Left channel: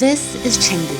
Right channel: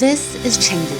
This is Chengdu,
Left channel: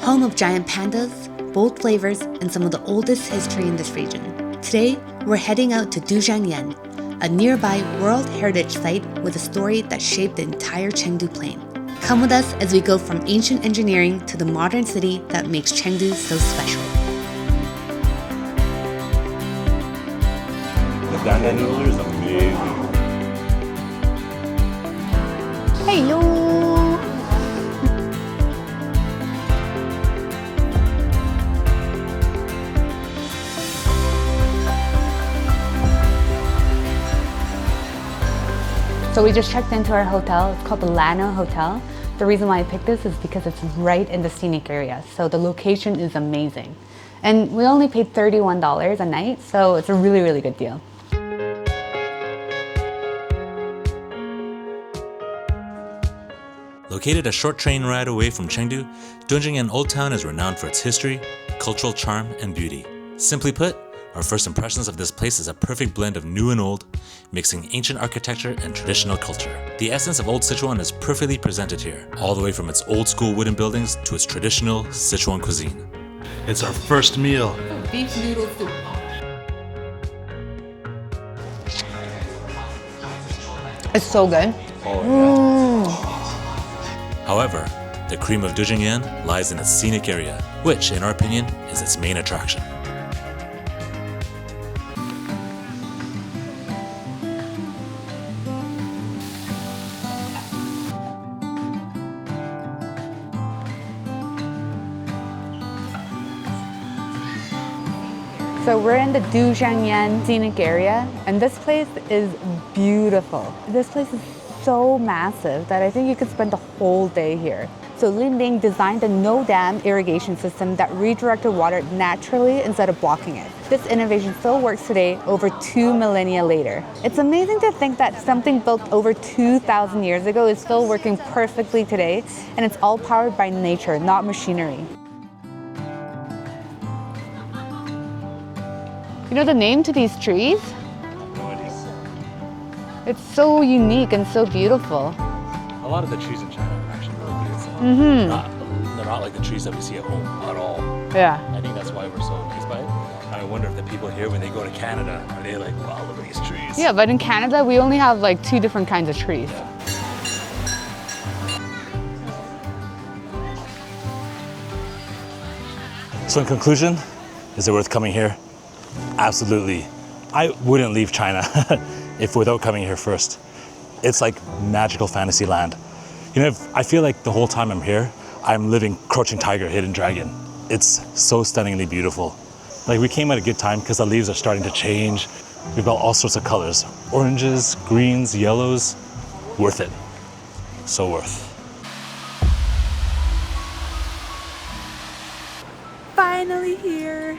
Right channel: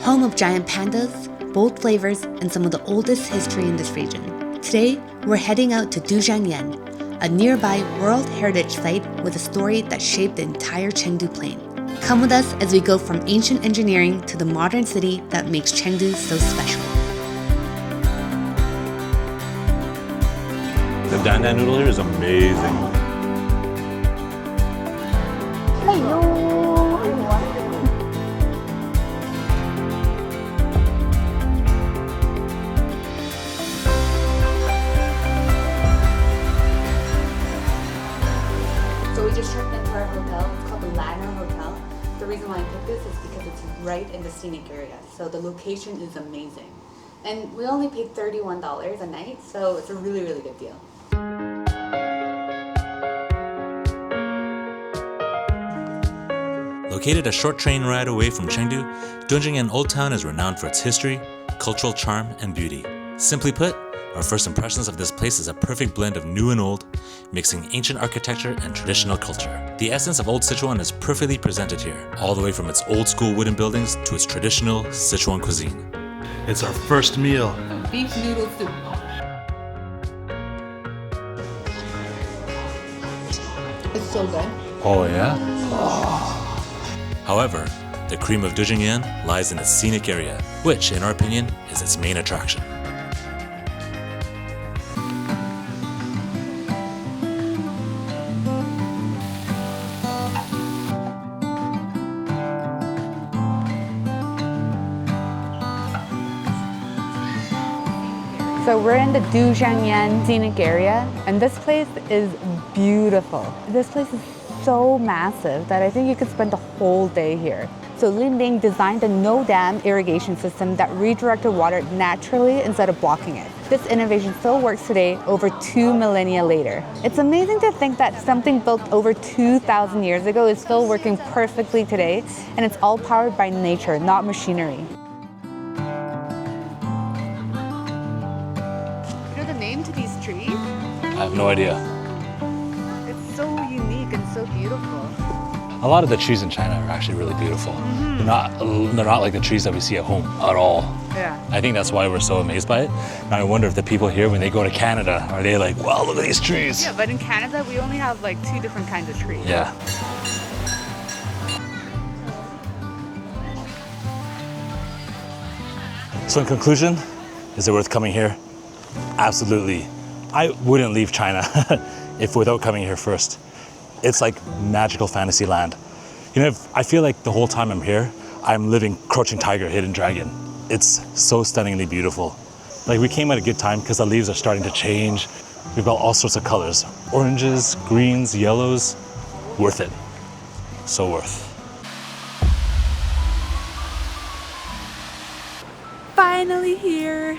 home of giant pandas, bold flavors, and some of the oldest history in this region. Today, we're heading out to Dujiangyan, a nearby World Heritage Site with a story that shaped the entire Chengdu plain. Come with us as we go from ancient engineering to the modern city that makes Chengdu so special. The Panda noodle here is amazing. Hey yo! So we just checked into our hotel. It's called the Lano Hotel. The reason why I picked this is because it's right in the scenic area. So the location is amazing. And we only paid $31 a night, so it's a really, really good deal. Located a short train ride away from Chengdu, Dujiangyan Old Town is renowned for its history, cultural charm, and beauty. Simply put, our first impressions of this place is a perfect blend of new and old, mixing ancient architecture and traditional culture. The essence of Old Sichuan is perfectly presented here, all the way from its old school wooden buildings to its traditional Sichuan cuisine. It's our first meal. Beef noodle soup. It's so good. Oh yeah. However, the cream of Dujiangyan lies in its scenic area, which, in our opinion, is its main attraction. So we're in the Dujiangyan scenic area, and this place is beautiful. This place is so massive that I think you could spend the whole day here. So Lin Ling designed a no-dam irrigation system that redirected water naturally instead of blocking it. This innovation still works today, over 2 millennia later. It's amazing to think that something built over 2,000 years ago is still working perfectly today, and it's all powered by nature, not machinery. You know the name to these trees? I have no idea. It's so unique and so beautiful. A lot of the trees in China are actually really beautiful. They're not like the trees that we see at home at all. Yeah. I think that's why we're so amazed by it. And I wonder if the people here, when they go to Canada, are they like, wow, look at these trees? Yeah, but in Canada, we only have like 2 different kinds of trees. Yeah. So in conclusion, is it worth coming here? Absolutely. I wouldn't leave China without coming here first. It's like magical fantasy land. You know, I feel like the whole time I'm here, I'm living Crouching Tiger, Hidden Dragon. It's so stunningly beautiful. Like, we came at a good time because the leaves are starting to change. We've got all sorts of colors. Oranges, greens, yellows. Worth it. So worth. Finally here.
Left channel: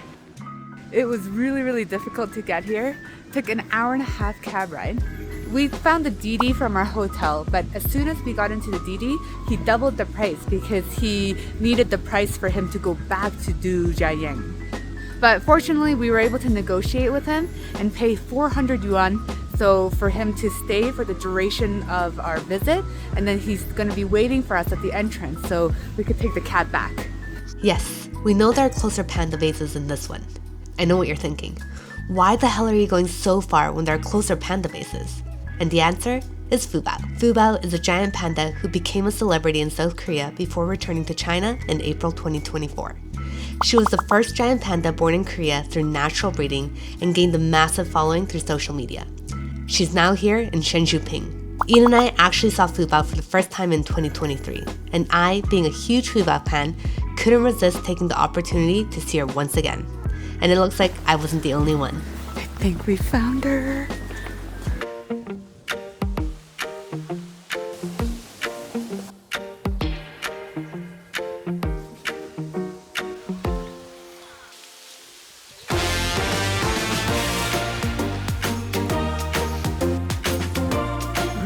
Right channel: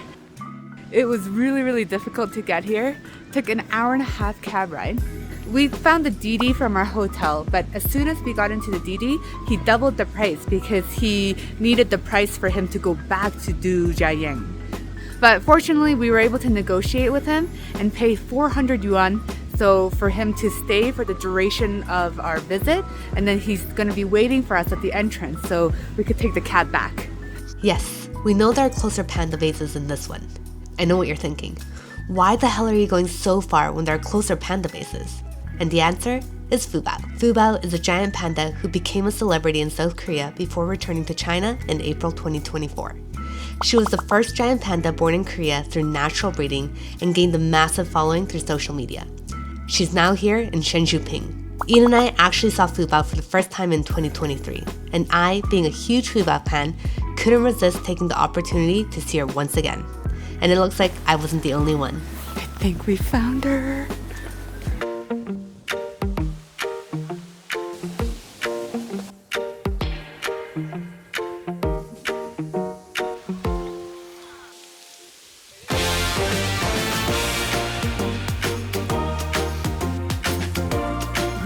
It was really, really difficult to get here. Took an hour-and-a-half cab ride. We found the DD from our hotel, but as soon as we got into the DD, he doubled the price because he needed the price for him to go back to Dujiangyan. But fortunately, we were able to negotiate with him and pay 400 yuan, so for him to stay for the duration of our visit, and then he's gonna be waiting for us at the entrance so we could take the cab back. Yes, we know there are closer panda bases than this one. I know what you're thinking. Why the hell are you going so far when there are closer panda bases? And the answer is Fubao. Fubao is a giant panda who became a celebrity in South Korea before returning to China in April 2024. She was the first giant panda born in Korea through natural breeding and gained a massive following through social media. She's now here in Shenzhou. Ian and I actually saw Fubao for the first time in 2023, and I, being a huge Fubao fan, couldn't resist taking the opportunity to see her once again. And it looks like I wasn't the only one. I think we found her.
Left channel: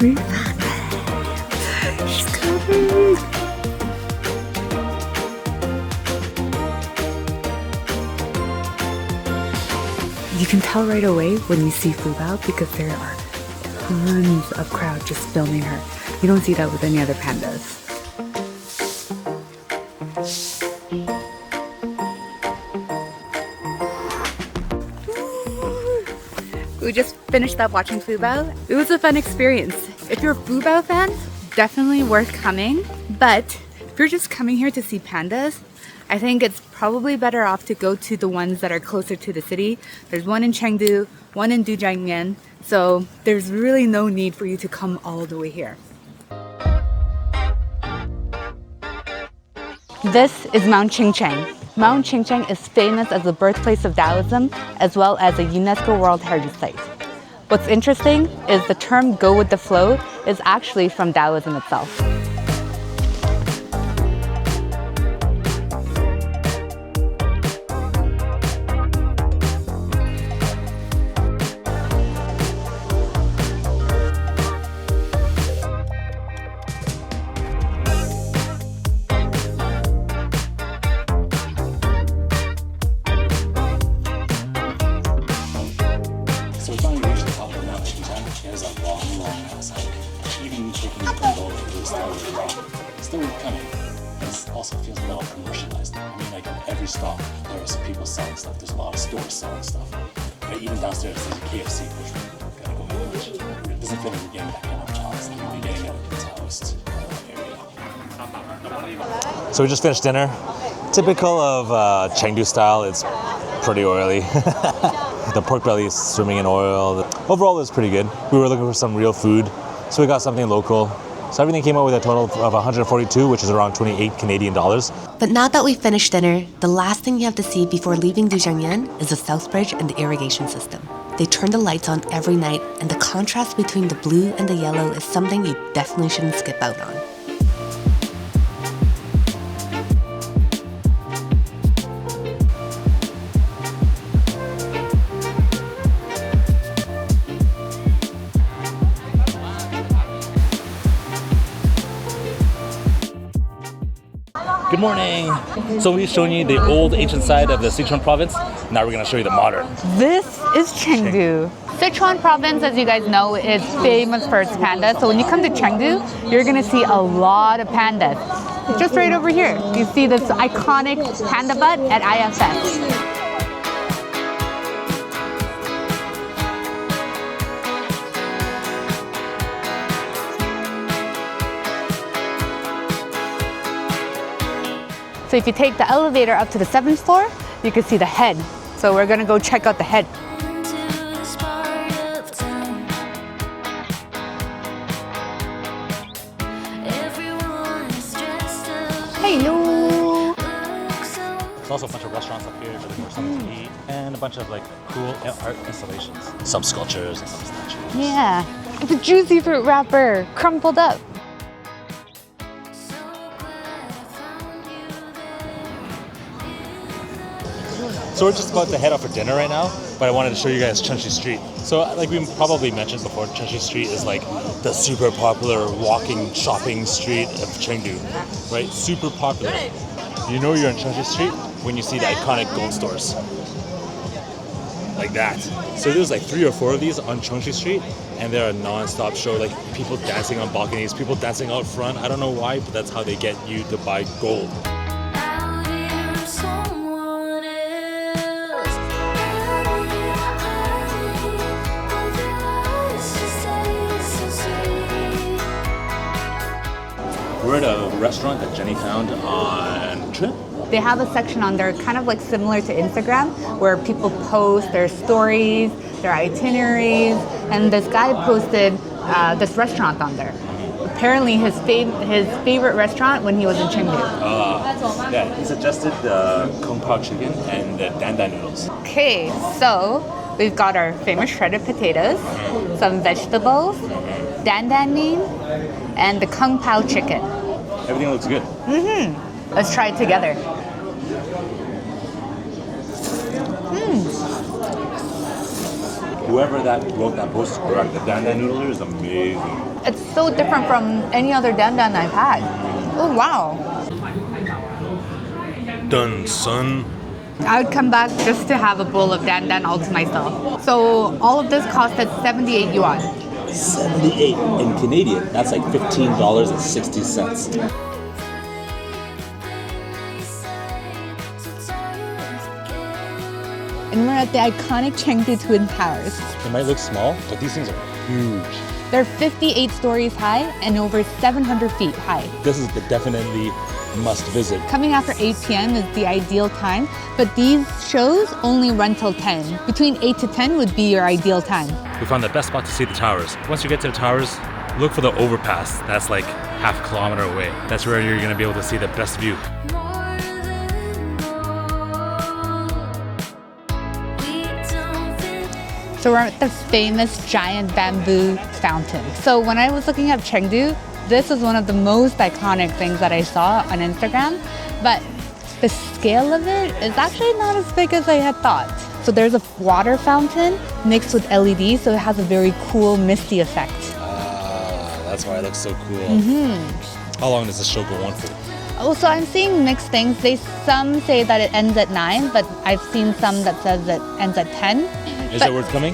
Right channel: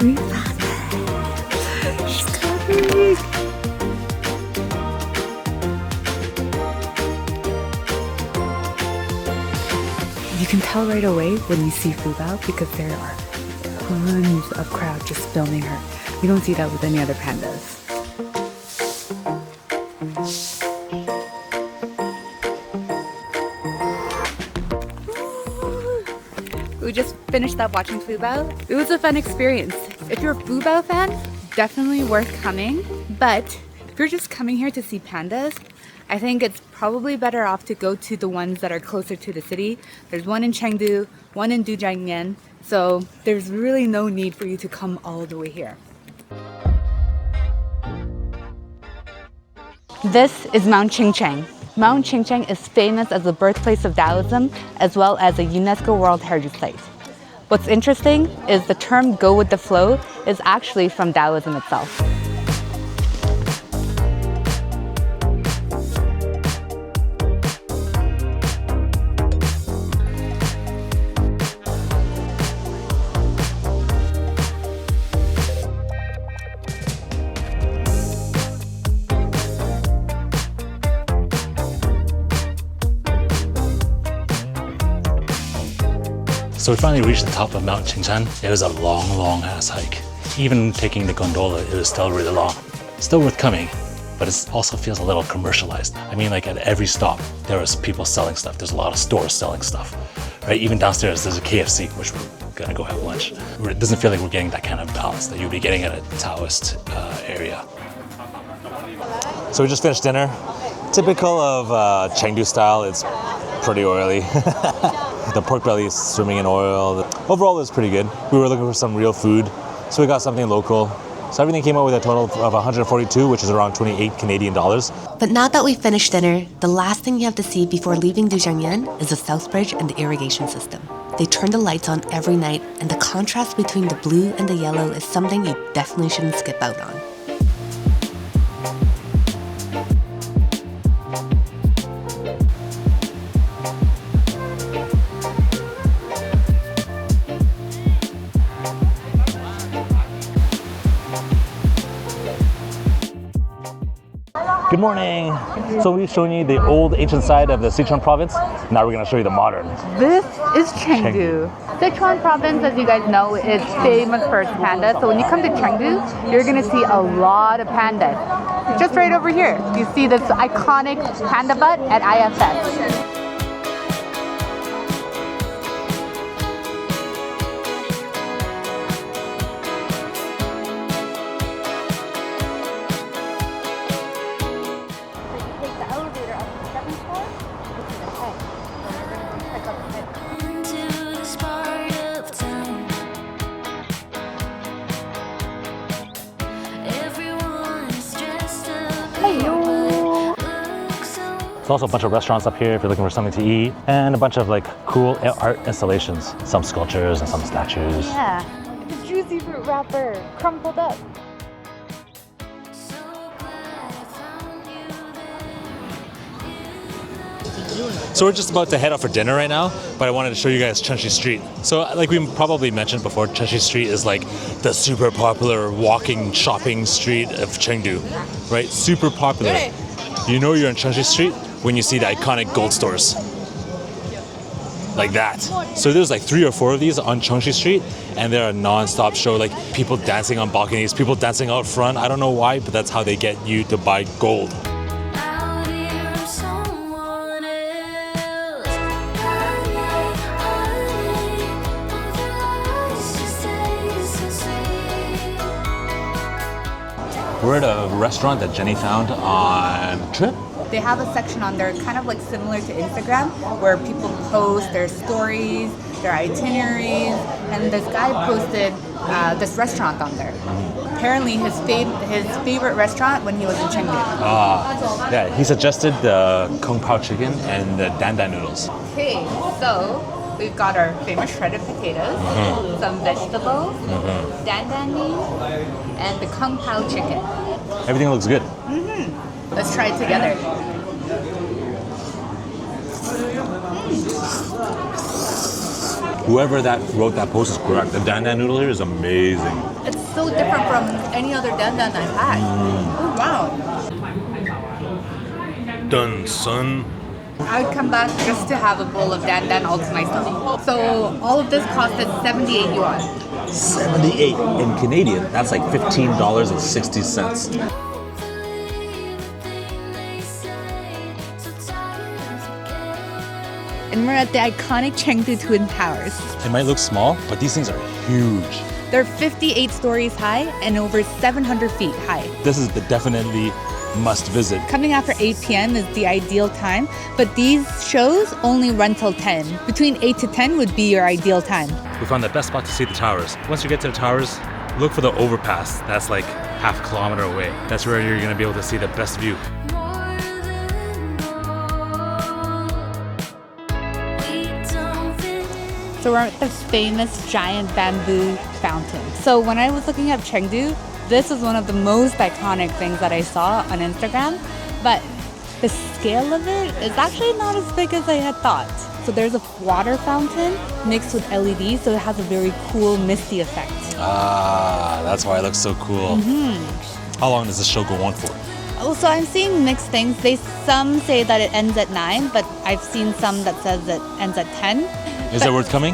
We found her. She's coming. You can tell right away when you see Fubao because there are tons of crowd just filming her. You don't see that with any other pandas. We just finished up watching Fubao. It was a fun experience. If you're a Fubao fan, definitely worth coming. But if you're just coming here to see pandas, I think it's probably better off to go to the ones that are closer to the city. There's one in Chengdu, one in Dujiangyan, so there's really no need for you to come all the way here. This is Mount Qingcheng. Mount Qingcheng is famous as the birthplace of Taoism as well as a UNESCO World Heritage Site. What's interesting is the term "go with the flow" is actually from Taoism itself. So we finally reached the top of Mount Qingcheng. It was a long, long ass hike. Even taking the gondola, it was still really long. Still worth coming, but it also feels a little commercialized. I mean, like at every stop, there was people selling stuff. There's a lot of stores selling stuff, right? Even downstairs, there's a KFC, which we're gonna go have lunch. It doesn't feel like we're getting that kind of balance that you'd be getting at a Taoist area. So we just finished dinner. Typical of Chengdu style, it's pretty oily. The pork belly is swimming in oil. Overall, it was pretty good. We were looking for some real food, so we got something local. So everything came out with a total of 142, which is around 28 Canadian dollars. But now that we've finished dinner, the last thing you have to see before leaving Dujiangyan is the South Bridge and the irrigation system. They turn the lights on every night, and the contrast between the blue and the yellow is something you definitely shouldn't skip out on. Good morning. So we've shown you the old ancient side of the Sichuan province. Now we're going to show you the modern. This is Chengdu. Sichuan province, as you guys know, is famous for its pandas. So when you come to Chengdu, you're going to see a lot of pandas. Just right over here, you see this iconic panda butt at IFS. So if you take the elevator up to the 7th floor, you can see the head. So we're gonna go check out the head. Hello. There's also a bunch of restaurants up here if you're looking for something to eat, and a bunch of like cool art installations. Some sculptures and some statues. Yeah, it's a juicy fruit wrapper, crumpled up. So we're just about to head out for dinner right now, but I wanted to show you guys Chengdu Street. So like we probably mentioned before, Chengdu Street is like the super popular walking shopping street of Chengdu, right? Super popular. You know you're in Chengdu Street when you see the iconic gold stores. Like that. So there's like 3 or 4 of these on Chengdu Street, and they're a non-stop show, like people dancing on balconies, people dancing out front. I don't know why, but that's how they get you to buy gold. We're at a restaurant that Jenny found on Trip. They have a section on there kind of like similar to Instagram where people post their stories, their itineraries, and this guy posted this restaurant on there. Apparently his favorite restaurant when he was in Chengdu. Yeah, he suggested the Kung Pao chicken and the Dan Dan noodles. Okay, so we've got our famous shredded potatoes, some vegetables, dan dan mee, and the Kung Pao chicken. Everything looks good. Let's try it together. Whoever that wrote that post is correct. The Dan Dan noodle here is amazing. It's so different from any other dan dan I've had. Oh wow. Done, son. I would come back just to have a bowl of dan dan all to myself. So all of this costed 78 yuan. 78 in Canadian. That's like $15.60. and we're at the iconic Chengdu Twin Towers. It might look small, but these things are huge. They're 58 stories high and over 700 feet high. This is the definitely must visit. Coming after 8 p.m. is the ideal time, but these shows only run till 10. Between 8 to 10 would be your ideal time. We found the best spot to see the towers. Once you get to the towers, look for the overpass. That's like half a kilometer away. That's where you're gonna be able to see the best view. So we're at the famous giant bamboo fountain. So when I was looking at Chengdu, this is one of the most iconic things that I saw on Instagram, but the scale of it is actually not as big as I had thought. So there's a water fountain mixed with LEDs, so it has a very cool misty effect. Ah, that's why it looks so cool. How long does this show go on for? Also, I'm seeing mixed things. Some say that it ends at 9, but I've seen some that says it ends at 10. Is it worth coming?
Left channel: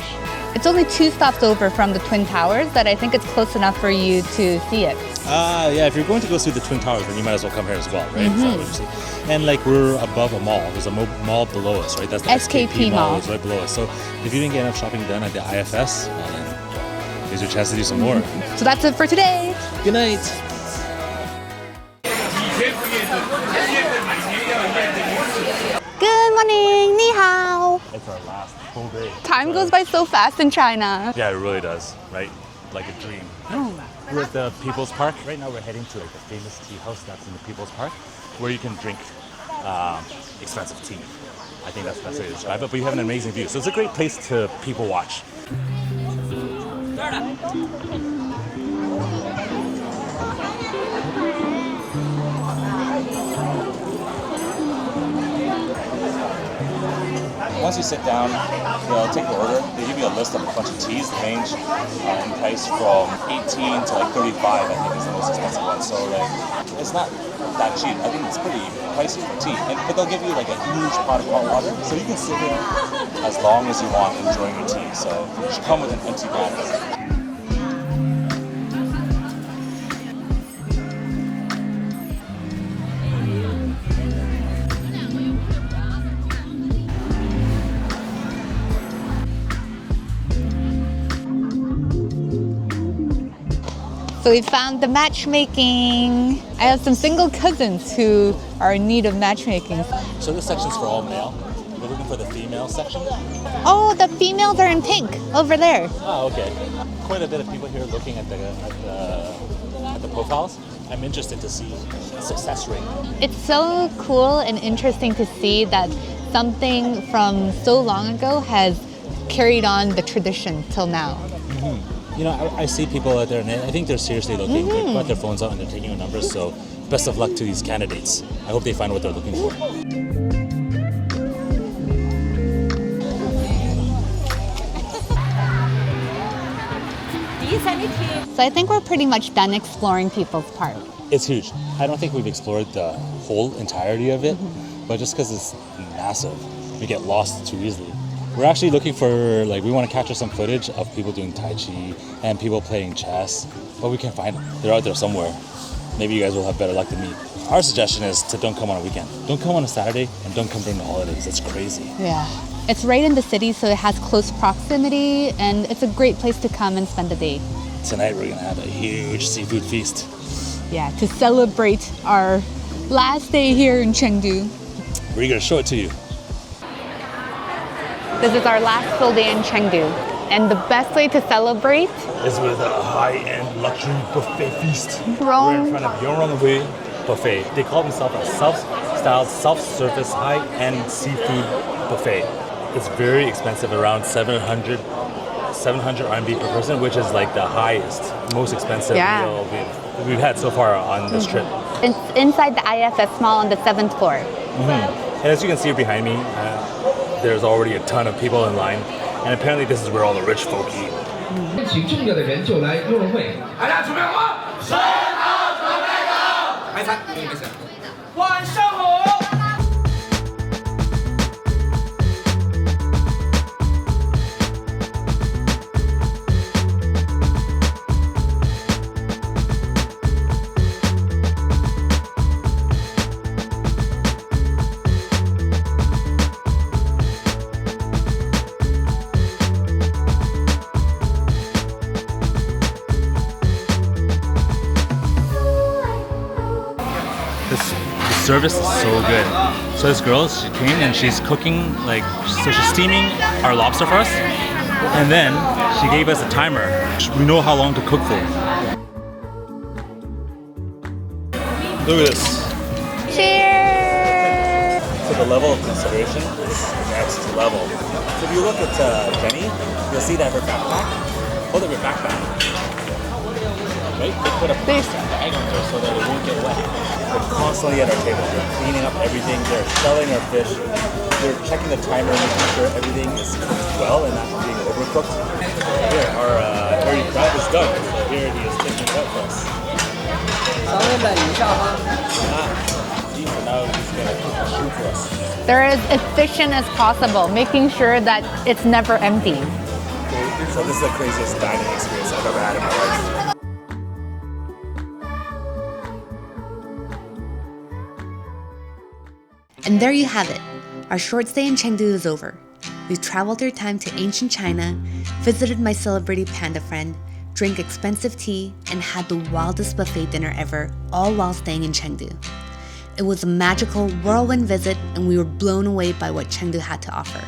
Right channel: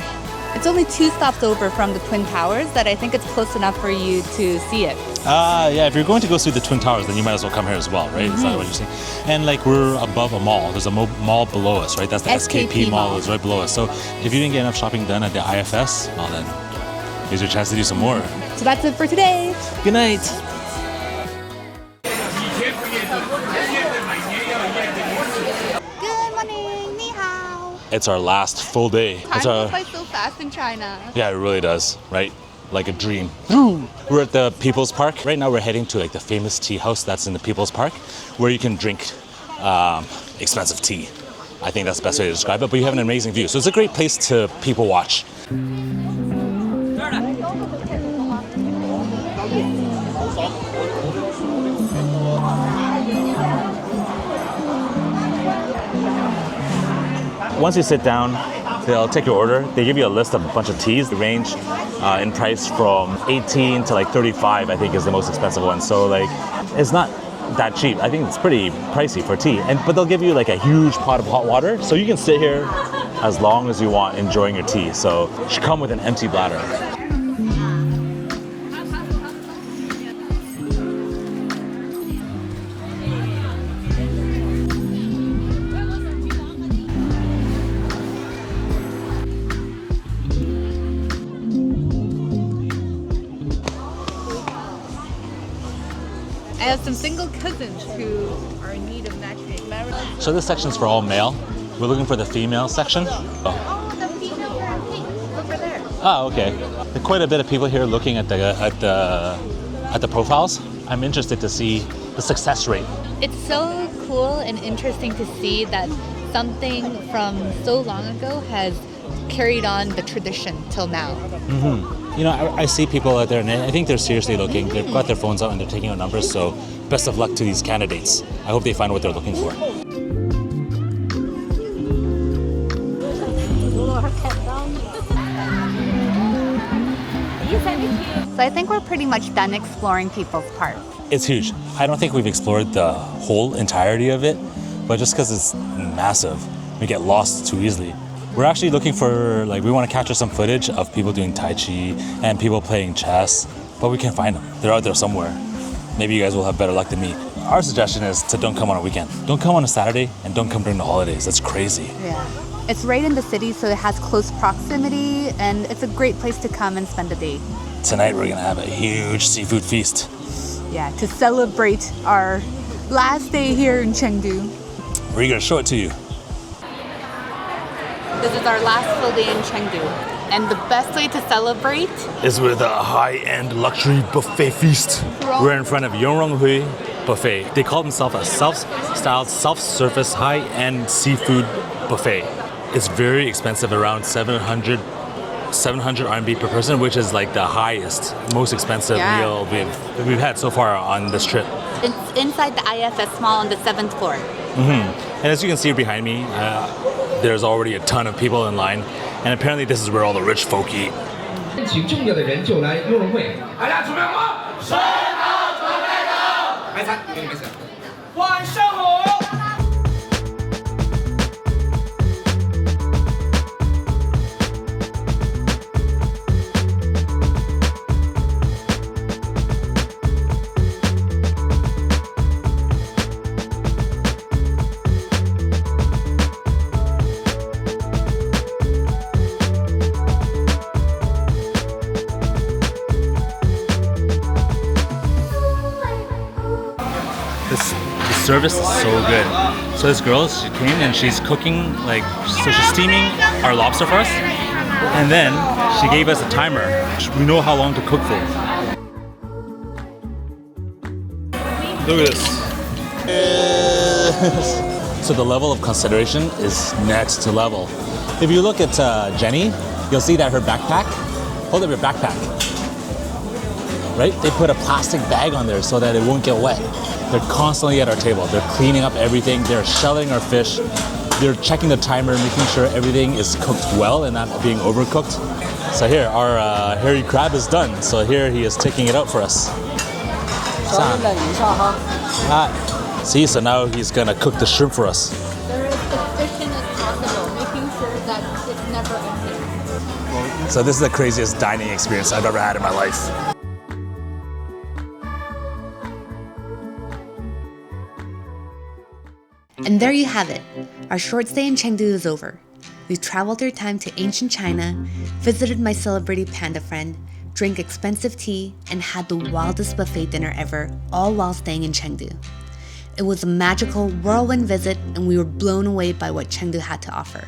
It's only 2 stops over from the Twin Towers that I think it's close enough for you to see it. Ah, yeah, if you're going to go see the Twin Towers, then you might as well come here as well, right? Is that what you're saying? And like we're above a mall. There's a mall below us, right? That's the SKP mall is right below us. So if you didn't get enough shopping done at the IFS, well then, here's your chance to do some more. So that's it for today. Good night. Good morning, ni hao. It's our last full day. Time goes by so fast in China. Yeah, it really does, right? Like a dream. Oh. We're at the People's Park. Right now we're heading to like the famous tea house that's in the People's Park where you can drink expensive tea. I think that's the best way to describe it, but you have an amazing view. So it's a great place to people watch. Once you sit down, they'll take your order. They give you a list of a bunch of teas. They range in price from 18 to like 35, I think is the most expensive one. So like, it's not that cheap. I think it's pretty pricey for tea. But they'll give you like a huge pot of hot water. So you can sit here as long as you want enjoying your tea. So you should come with an empty bladder. So we found the matchmaking. I have some single cousins who are in need of matchmaking. So this section's for all male. We're looking for the female section. Oh, the females are in pink over there. Oh, okay. There are quite a bit of people here looking at the profiles. I'm interested to see the success rate. It's so cool and interesting to see that something from so long ago has carried on the tradition till now. You know, I see people out there and I think they're seriously looking. They've got their phones out and they're taking out numbers, so best of luck to these candidates. I hope they find what they're looking for. So I think we're pretty much done exploring People's Park. It's huge. I don't think we've explored the whole entirety of it, but just because it's massive, we get lost too easily. We're actually looking for, we want to capture some footage of people doing Tai Chi and people playing chess, but we can't find them. They're out there somewhere. Maybe you guys will have better luck than me. Our suggestion is to don't come on a weekend. Don't come on a Saturday and don't come during the holidays. That's crazy. Yeah. It's right in the city, so it has close proximity, and it's a great place to come and spend a day. Tonight we're gonna have a huge seafood feast. Yeah, to celebrate our last day here in Chengdu. We're gonna show it to you. This is our last full day in Chengdu, and the best way to celebrate Is with a high-end luxury buffet feast. We're in front of Yong Rong Hui buffet. They call themselves a self-styled, self-service, high-end seafood buffet. It's very expensive, around 700 RMB per person, which is like the highest, most expensive meal we've had so far on this trip. It's inside the IFS mall on the 7th floor. And as you can see behind me, there's already a ton of people in line, and apparently this is where all the rich folk eat. 请重要的人就来雍容会。大家准备好？准好，准备好。开餐，没事。晚上好。The service is so good. So this girl, she came and she's cooking, like, so she's steaming our lobster for us, and then she gave us a timer. We know how long to cook for. Look at this. So the level of consideration is next to level. If you look at Jenny, you'll see that her backpack, hold up your backpack, right? They put a plastic bag on there so that it won't get wet. They're constantly at our table. They're cleaning up everything. They're shelling our fish. They're checking the timer, making sure everything is cooked well and not being overcooked. So here, our hairy crab is done. So here he is taking it out for us. See, so now he's gonna cook the shrimp for us. They're as efficient as possible, making sure that it's never empty. So this is the craziest dining experience I've ever had in my life. And there you have it. Our short stay in Chengdu is over. We've traveled through time to ancient China, visited my celebrity panda friend, drank expensive tea, and had the wildest buffet dinner ever, all while staying in Chengdu. It was a magical whirlwind visit, and we were blown away by what Chengdu had to offer.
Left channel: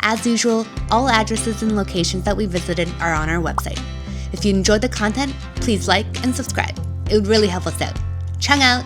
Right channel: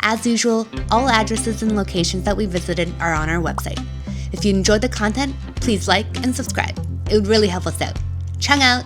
As usual, all addresses and locations that we visited are on our website. If you enjoyed the content, please like and subscribe. It would really help us out. Chung out!